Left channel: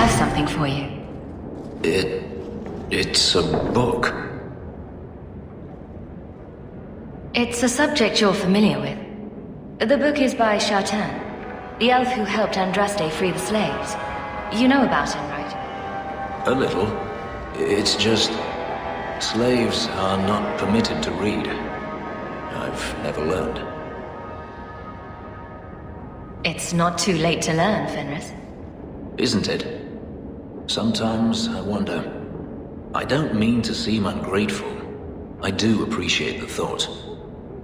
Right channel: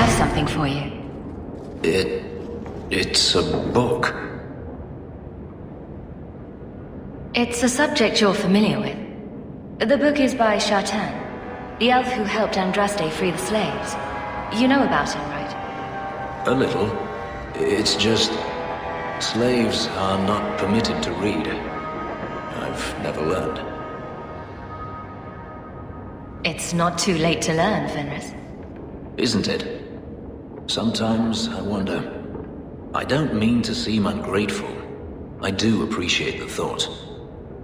have something for you. It's a book. It's a subject you're familiar with. The book is by Shartan'a, the elf who helped Andraste free the slaves. You know about him, right? A little. It's just... slaves are not permitted to read. I've never learned. It's not too late to learn, Fenris. Isn't it? Sometimes I wonder. I don't mean to seem ungrateful. I do appreciate the thought.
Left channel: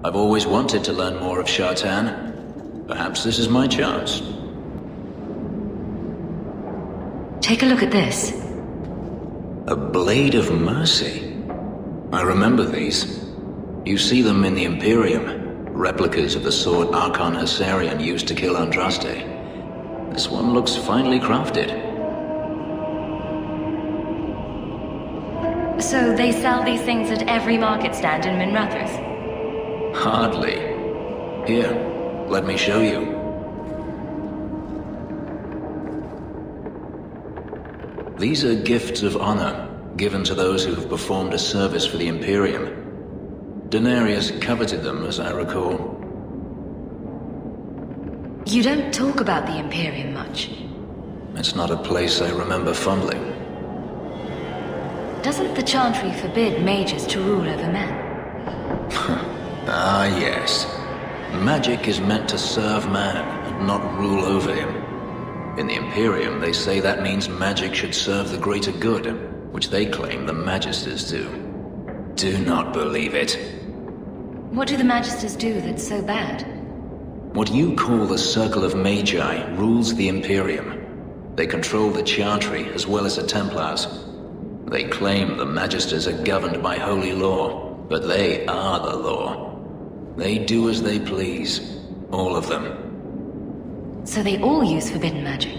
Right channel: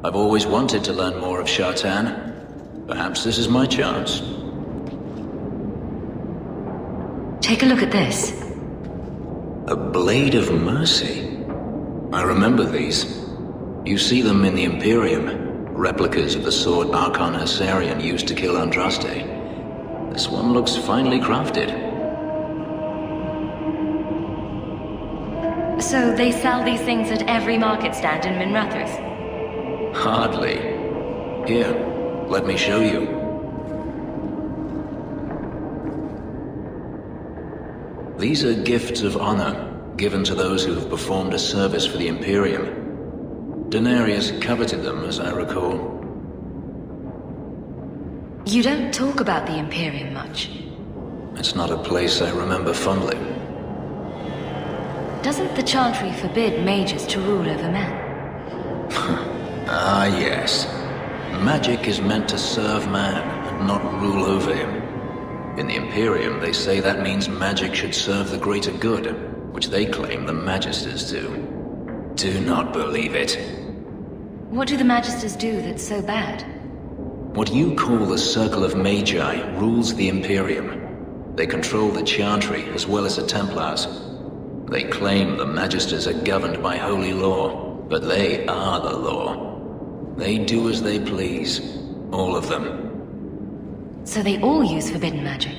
I've always wanted to learn more of Shartan'a. Perhaps this is my chance. Take a look at this. A Blade of Mercy. I remember these. You see them in the Imperium. Replicas of the sword Archon Hessarian used to kill Andraste. This one looks finely crafted. So they sell these things at every market stand in Minrathous? Hardly. Here, let me show you. These are gifts of honor, given to those who have performed a service for the Imperium. Denarius coveted them, as I recall. You don't talk about the Imperium much. It's not a place I remember fondly. Doesn't the Chantry forbid mages to rule over men? Ah, yes. Magic is meant to serve man, and not rule over him. In the Imperium, they say that means magic should serve the greater good, which they claim the Magisters do. Do not believe it. What do the Magisters do that's so bad? What you call the Circle of Magi rules the Imperium. They control the Chantry as well as the Templars. They claim the Magisters are governed by holy law, but they are the law. They do as they please. All of them. So they all use forbidden magic?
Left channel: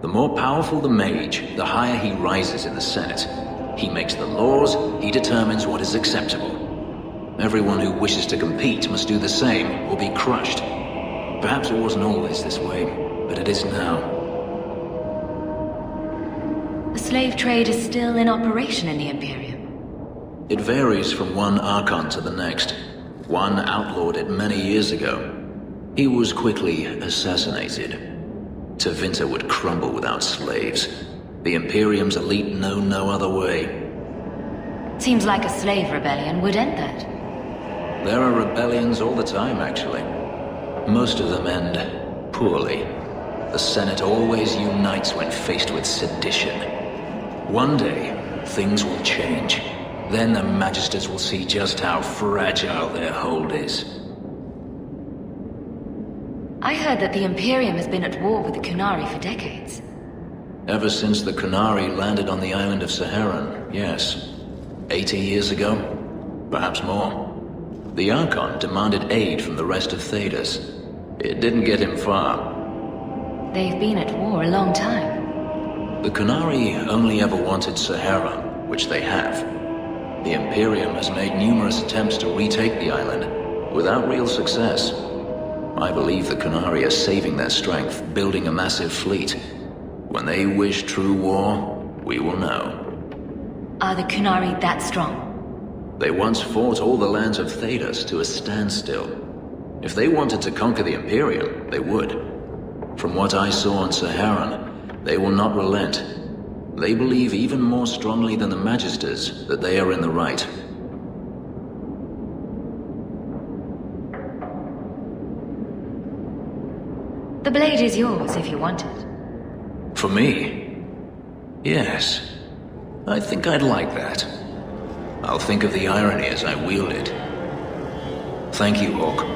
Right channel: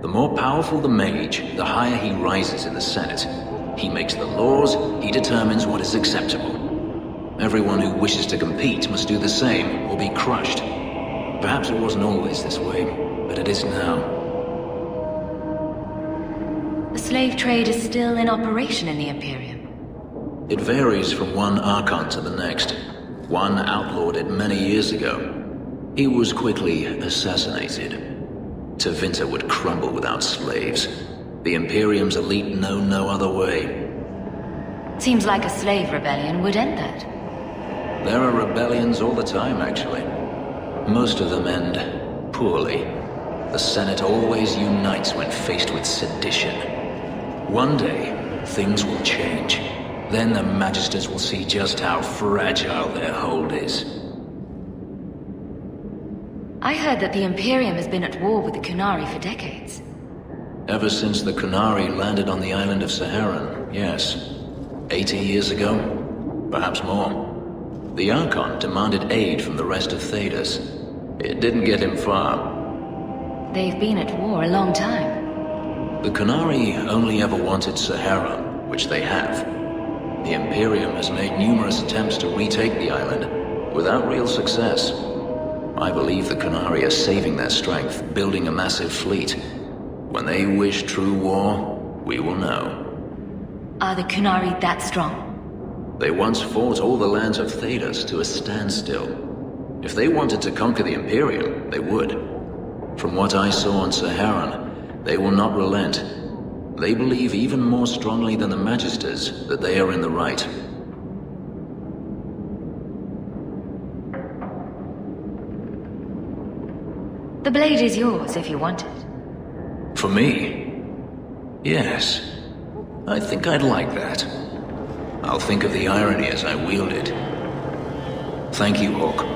The more powerful the mage, the higher he rises in the Senate. He makes the laws, he determines what is acceptable. Everyone who wishes to compete must do the same, or be crushed. Perhaps it wasn't always this way, but it is now. The slave trade is still in operation in the Imperium. It varies from one Archon to the next. One outlawed it many years ago. He was quickly assassinated. Tevinter would crumble without slaves. The Imperium's elite know no other way. Seems like a slave rebellion would end that. There are rebellions all the time, actually. Most of them end poorly. The Senate always unites when faced with sedition. One day, things will change. Then the Magisters will see just how fragile their hold is. I heard that the Imperium has been at war with the Qunari for decades. Ever since the Qunari landed on the island of Saharan, yes. 80 years ago? Perhaps more. The Archon demanded aid from the rest of Thedas. It didn't get him far. They've been at war a long time. The Qunari only ever wanted Saharan, which they have. The Imperium has made numerous attempts to retake the island, without real success. I believe the Qunari are saving their strength, building a massive fleet. When they wish true war, we will know. Are the Qunari that strong? They once fought all the lands of Thedas to a standstill. If they wanted to conquer the Imperium, they would. From what I saw on Saharan, they will not relent. They believe even more strongly than the Magisters that they are in the right. The blade is yours if you want it. For me? Yes. I think I'd like that. I'll think of the irony as I wield it. Thank you, Hawk.